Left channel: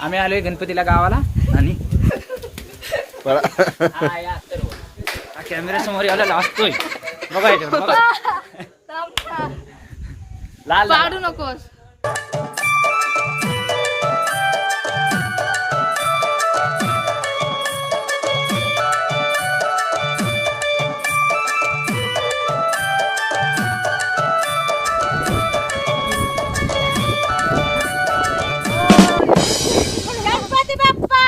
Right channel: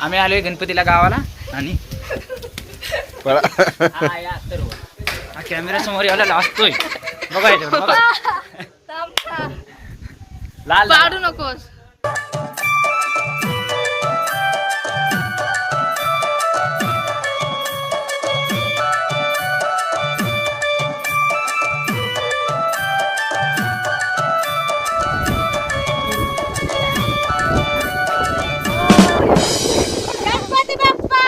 आम्ही आलोय गणपतीला गावाला आणि हा कॅमेरा समोर यायला लाजतोय बघा याच्यावर बघा लाल पाडू नकोस. गणपती बाप्पा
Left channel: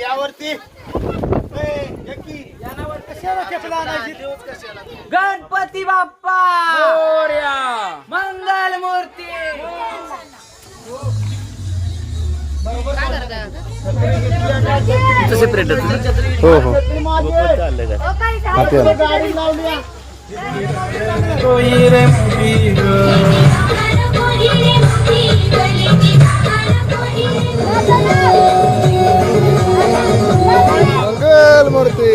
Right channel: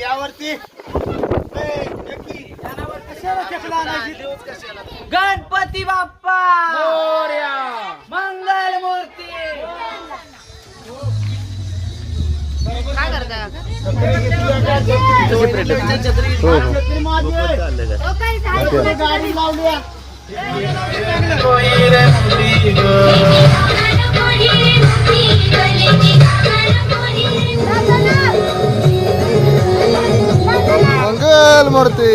यावरती गणपती बाप्पा मोरया मंगल मूर्ती. हो हो मंगल मूर्ती.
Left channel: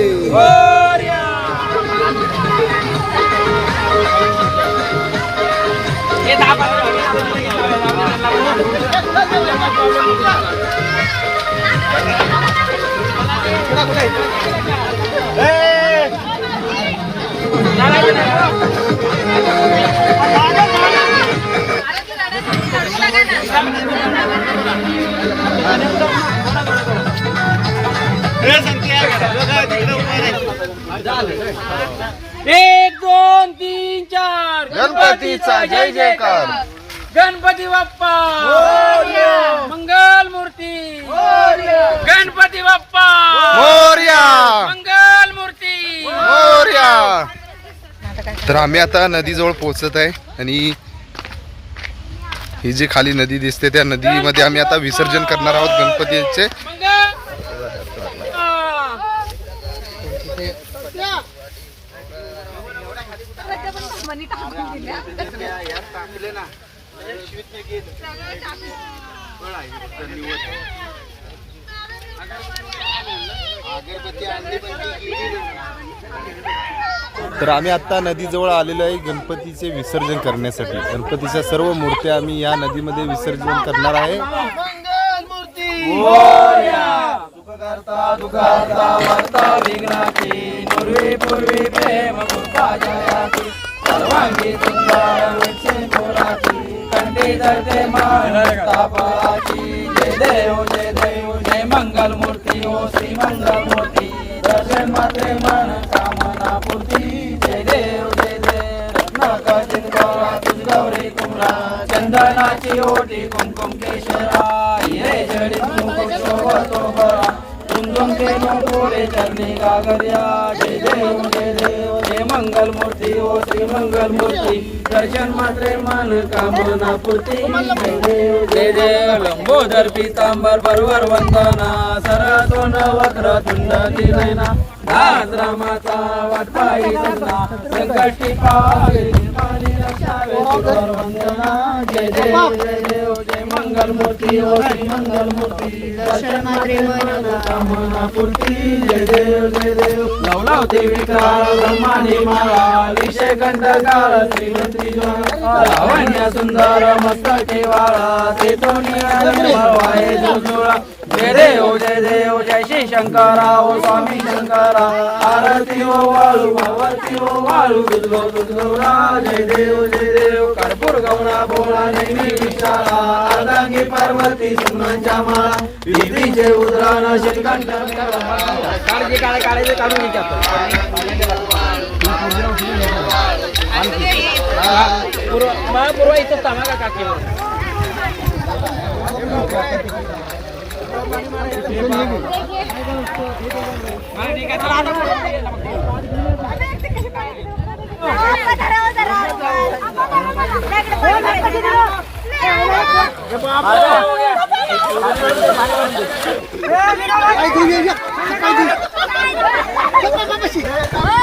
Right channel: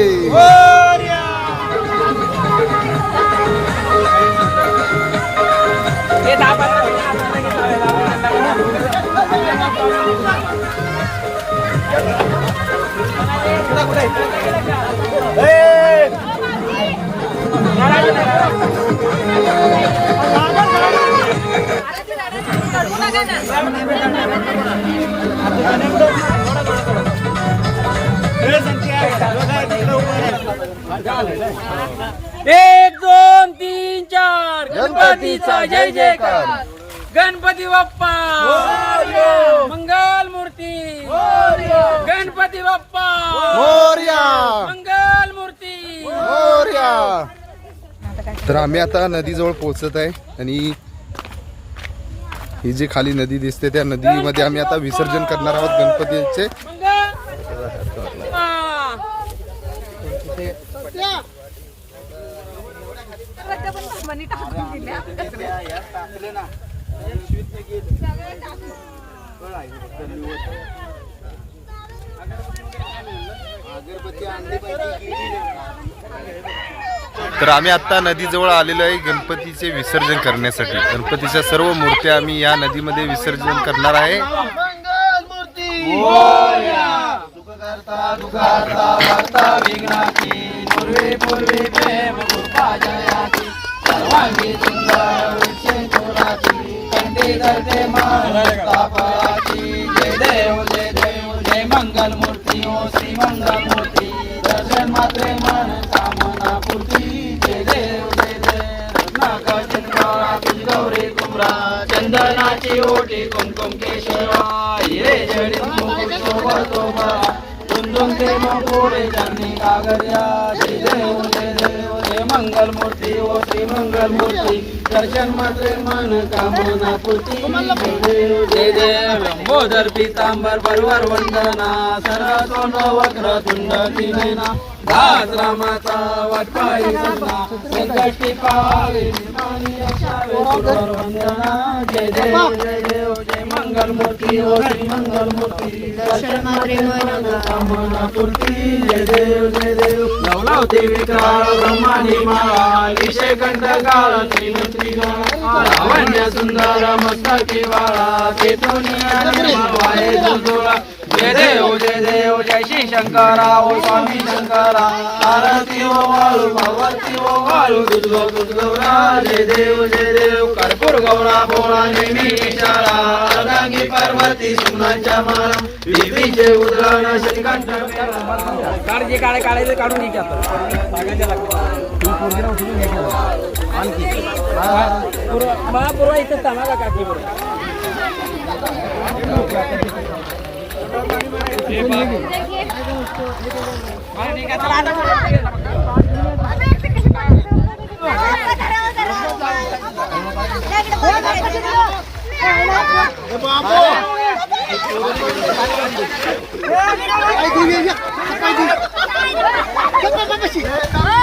एक दोन तीन चार गणपतीचा जय जयकार. गणपती बाप्पा मंगल मूर्ती. गणपती बाप्पा मोरया मंगल मूर्ती. मोरया. तर आम्ही आता नदीजवळ पोहोचत आहे आणि ही जी खाली नदी दिसते त्या नदीमध्ये आम्ही आता विसर्जन करणार आहोत गणपतीचे. तर आम्ही आता नदीजवळ आलेलो आहे गणपतीचे विसर्जन करण्यासाठी. गणपतीच्या सर्व मूर्त्या आम्ही या नदीमध्ये विसर्जन करणार आहे. जय मंगल मूर्ती ओ श्री मंगल मूर्ती. दर्शन मात्रे मन कामना पूर्ती. जय देव रत्नाकरची गौरी कुमरा. चंदनाची ओटी कुमकुम केशवा. हिरे जडित मुकुट शोभतो बरा. तुंदुंके मोठोरे चरणी कागर्या. जय देव जय मंगल मूर्ती ओ श्री मंगल मूर्ती. दर्शन मात्रे मन कामना पूर्ती. जय देव लंबोदर पीतांबर परवर वंदना. सरतोंड वक्र तुंड दिनयना. दास रामाचा वाटपाई सजना. संकष्टी पावे निर्माणी रक्षावे तुझवर वंदना. जय देव जय मंगल मूर्ती ओ श्री मंगल मूर्ती. दर्शन मात्रे मन कामना पूर्ती. जय देव नवनावती विकार ब्रह्मांडी माळा. विषय कंठकाळ श्रीमंत्री लावण्य सुंदर मस्तके वाळा. तेथोनी वाहे जोडा. जय देव जय श्री शंकरा ओ स्वामी शंकरा. आरती ओ वाळू भगवती ओ वाळू दुर्गो दुर्गौरा. जय देव कर्पूर गौरा भोळा नेहमी विशाळा. अर्धांगी पार्वती सुनांच्या माळा. विधीचे उद्गार श्रीकंठ काळजी काढायचे काढून महापूर्वा इथं सांगा का काकी Bapak